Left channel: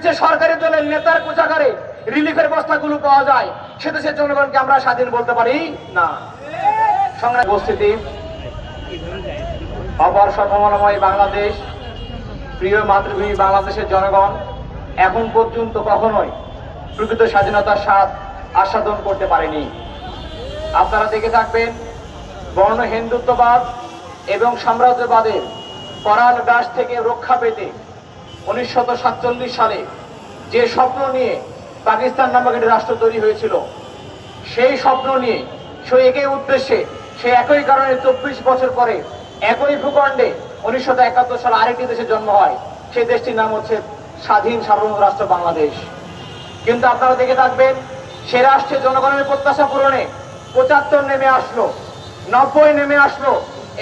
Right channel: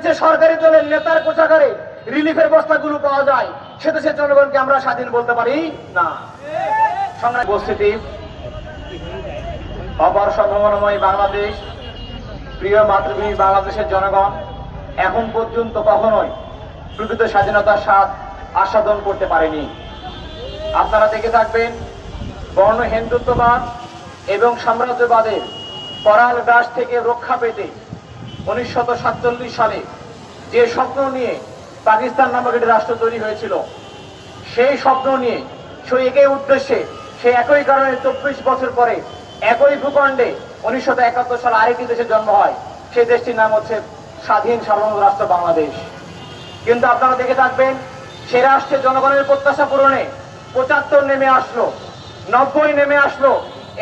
দেশে সরকারি দলের নেতার কোষাগারে রিলিফের বস্তাগুলো পাওয়া যায়, সে দেশের জনগণকে আমরা স্বাধীন বলতে পারি না। সংগ্রামী উপস্থিতি, অপার সম্ভাবনাময় বাংলাদেশ, প্রিয় মাতৃভূমি বাংলাদেশের জনগণ এখন পর্যন্ত কখনোই প্রকৃত স্বাধীনতার স্বাদ আস্বাদন করতে পারেনি। আপনারা দেখে থাকবেন, বর্ণ হিন্দুত্ববাদ এবং সাম্রাজ্যবাদের করাল গ্রাস থেকে রক্ষা পেতে 1947 সালে যে স্বপ্ন নিয়ে পাকিস্তান নামক একটি রাষ্ট্র তৈরি হয়েছিল, সেই স্বপ্ন নিয়ে সেই একই উদ্দেশ্যে, সেই একই কারণে 24 বছর পরে একই ভূখণ্ডে 1971 সালে আরেকটি দেশের জন্ম হয়। সেই দেশটির নাম হচ্ছে স্বাধীন সার্বভৌম রাষ্ট্র বাংলাদেশ। কিন্তু আপনারা দেখে থাকবেন, সে রাষ্ট্রে জনগণের প্রত্যাশা পূরণে 75 নেমে আসলো, 90 নেমে আসলো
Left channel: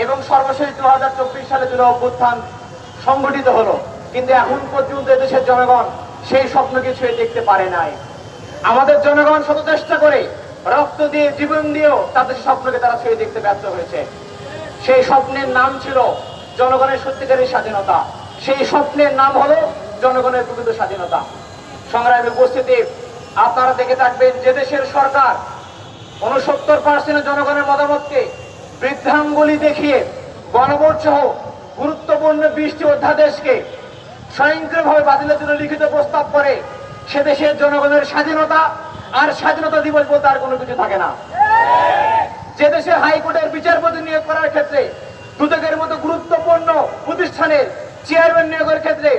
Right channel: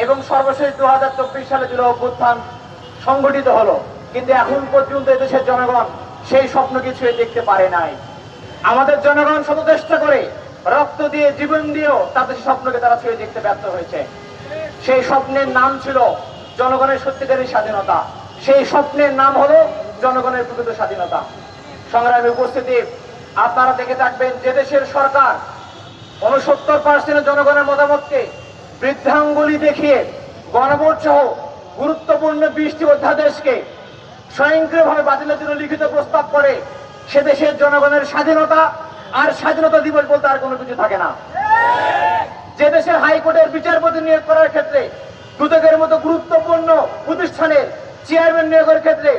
এবং সর্বশেষ 2024 সালে জুলাই অভ্যুত্থান সংগঠিত হলো। কিন্তু এখন পর্যন্ত এদেশের জনগণ সেই স্বপ্নকে ছুঁয়ে দেখতে পারে নাই। আমাদের জনগণ শত চেষ্টা করে রক্ত দিয়ে, জীবন দিয়েও তাদের স্বপ্নকে তারা ছুঁয়ে দেখতে ব্যর্থ হয়েছে। সেই স্বপ্নের নাম ছিল জনগণের সত্যিকারের স্বাধীনতা। সেই স্বপ্নের নাম হলো জনগণের প্রকৃত স্বাধীনতা। সংগ্রামী উপস্থিতি, আপনারা দেখে থাকবেন, যে দেশের সরকার 69% জনগণের মতামতকে বৃদ্ধাঙ্গুলি দেখিয়ে গণভোট সহ গুরুত্বপূর্ণ 20টি অধ্যাদেশকে স্বয়ংক্রিয়ভাবে বাতিলের জন্য লিখিত প্রস্তাব করে, সে দেশের জনগণের স্বাধীনতা আর স্বাধীনতা দিবস বলতে আর কোনো কিছু থাকে না। যে দেশে হাইকোর্টের বিচারপতি নিয়োগ করার ক্ষেত্রে, দুদকের মতো গুরুত্বপূর্ণ প্রতিষ্ঠানের চেয়ারম্যান নিয়োগের ক্ষেত্রে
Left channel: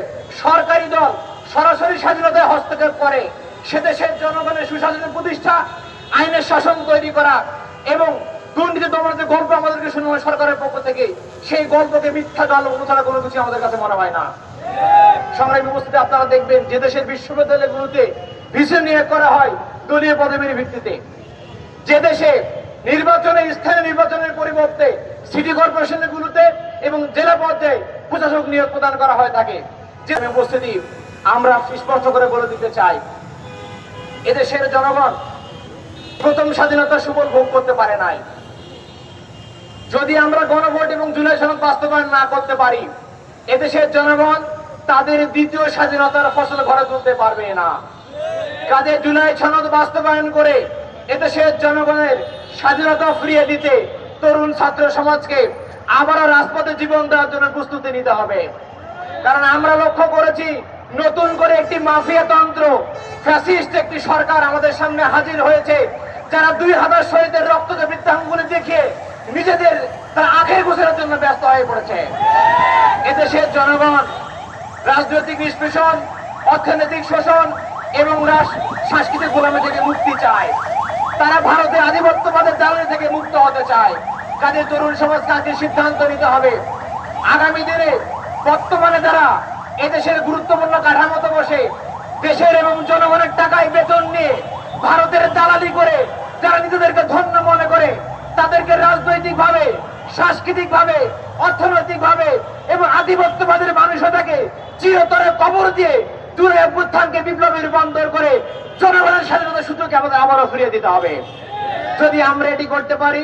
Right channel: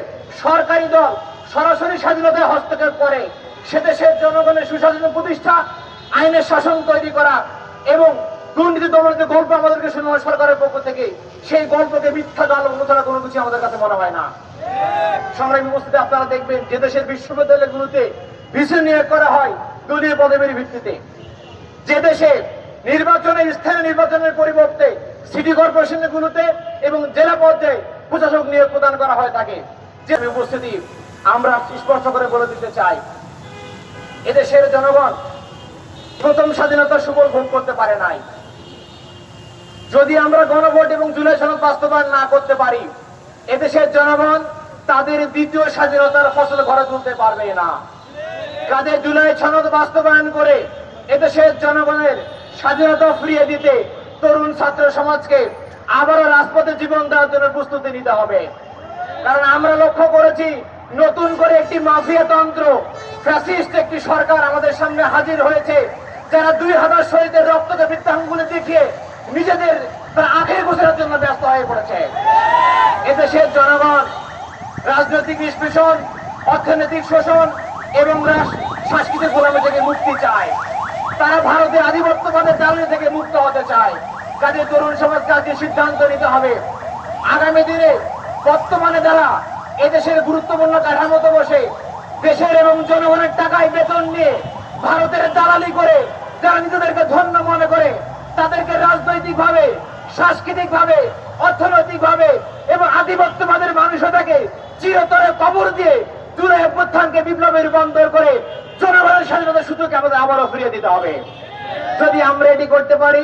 সরকারি দল সরাসরি স্বাধীনতায় হস্তক্ষেপ করে, সে দেশের জনগণের সুশাসন প্রতিষ্ঠা, আইনের শাসন তৈরি করা এবং দুর্নীতি দমনের গল্প আমাদেরকে শোনানো সরকারের পক্ষ থেকে, সেই গল্পকে মিথ্যা জাল ছাড়া কোনো কিছু আমাদের কাছে মনে হয় না। সংগ্রামী উপস্থিতি, আপনারা দেখবেন, যে দেশের বিশ্ববিদ্যালয়গুলোতে ভিসি নিয়োগ করা হয় দলীয় পদবীর ভিত্তিতে, যে দেশে নির্বাচনে, স্থানীয় নির্বাচনের পরিবর্তে সিটি কর্পোরেশনগুলোতে এবং জেলা পর্যায়ে প্রশাসক নিয়োগ প্রদান করা হয় থাকে। যে উপস্থিতি, আমরা স্পষ্ট করে বলে দিতে চাই, এদেশের জনগণ প্রথম স্বাধীনতার সুফল ভোগ করতে পারে নাই। যদি আমরা গণভোট এবং জুলাই সনদ বাস্তবায়ন না করতে পারি, এদেশের জনগণ তাদের দ্বিতীয় স্বাধীনতার ফসল ঘরে তুলতে পারবে না। কাজে জুলাই সনদ বাস্তবায়ন করে এদেশের জনগণের স্বাধীনতা ফিরিয়ে দিতে তরুণ ছাত্র সমাজকে আবারও রাজপথে জীবন দেওয়ার জন্য প্রস্তুতি নিতে হবে। কারণ আমরা লক্ষ্য করেছি, নতুন করে একটি মাফিয়া তন্ত্র, ফ্যাসিস্ট একটি সরকার আমাদের সামনে হাজির হয়েছে, যারা 2000 শহীদের রক্তকে বৃত্তাঙ্গুলি দেখিয়ে নিজেদের তার আখের গোছানোর জন্য ব্যস্ত হয়ে পড়েছে। এদেশের জনগণ রাজনৈতিক নিষ্পেষণ, অর্থনৈতিক শোষণ এবং সাংস্কৃতিক গোলামি থেকে মুক্তি চায়। তারা ভারতের আধিপত্যবাদের দালালি থেকে মুক্ত হতে চায়। কাজে তরুণ সমাজকে আজকে সিদ্ধান্ত নিতে হবে, আগামী দিনে বর্তমানে যারা এদেশের গুরুত্বপূর্ণ কাঠামোতে বসে দেশের এবং জনগণের টাকায় বেতন নিয়ে ভারতের দালালি করে, যারা নিজেদেরকে ধন্য মনে করে, তাদেরকে রাজনৈতিক ভাবে, সাংস্কৃতিক ভাবে, অর্থনৈতিক ভাবে এবং আধিপত্যবাদের মানসিকতাকে চিরতরে কবর দিয়ে জুলাই অভ্যুত্থানকে বিপ্লবে রূপান্তর করে জনগণের স্বাধীনতার সূত্রকে আমাদের আবারও ফিরিয়ে দিতে হবে। যদি আমরা এটি করতে পারি,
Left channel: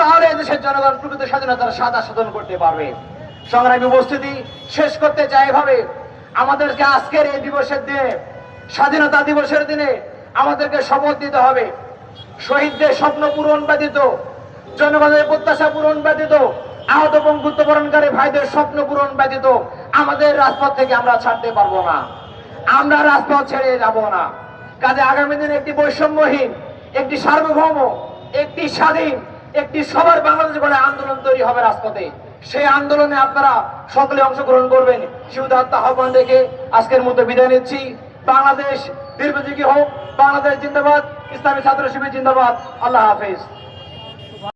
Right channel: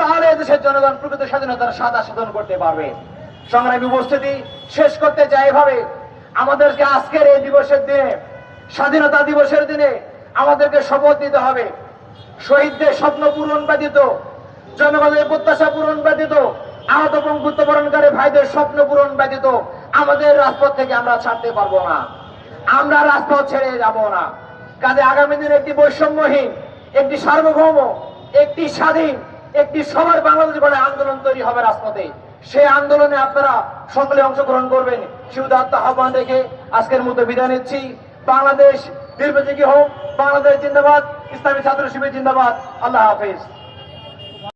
তাহলে এদেশের জনগণ প্রকৃত স্বাধীনতার স্বাদ আস্বাদন করতে পারবে। সংগ্রামী উপস্থিতি, শেষ করতে চাই এভাবে, আমাদেরকে আজকের এই দিবসের দিনে, স্বাধীনতা দিবসের দিনে আমাদেরকে শপথ নিতে হবে, শহীদদের স্বপ্ন পূরণ ব্যতীত, জনগণের প্রত্যাশা পূরণ ব্যতীত, আহত পঙ্গুত্ববরণকারী ভাইদের স্বপ্ন পূরণ ব্যতীত আমাদের রাজপথ থেকে আমরা ছাড়তে পারবো না, আমরা রাজপথ ছেড়ে যাব না। কাজে আগামী দিনে একটি বৈষম্যহীন, একটি সার্বভৌম, একটি স্বাধীন, একটি সবার বাংলাদেশ বলে আন্দোলন তৈরি হবে রাজপথে। সেই আন্দোলনে আপনারা সকলে অংশগ্রহণ করবেন। শিবদাত্ত আহ্বান রেখে আজকের মতো বিদায় নিচ্ছি। বাংলাদেশ দীর্ঘজীবী হোক, বাংলাদেশ জিন্দাবাদ, ইসলামী ছাত্র শিবির জিন্দাবাদ। আল্লাহ হাফেজ।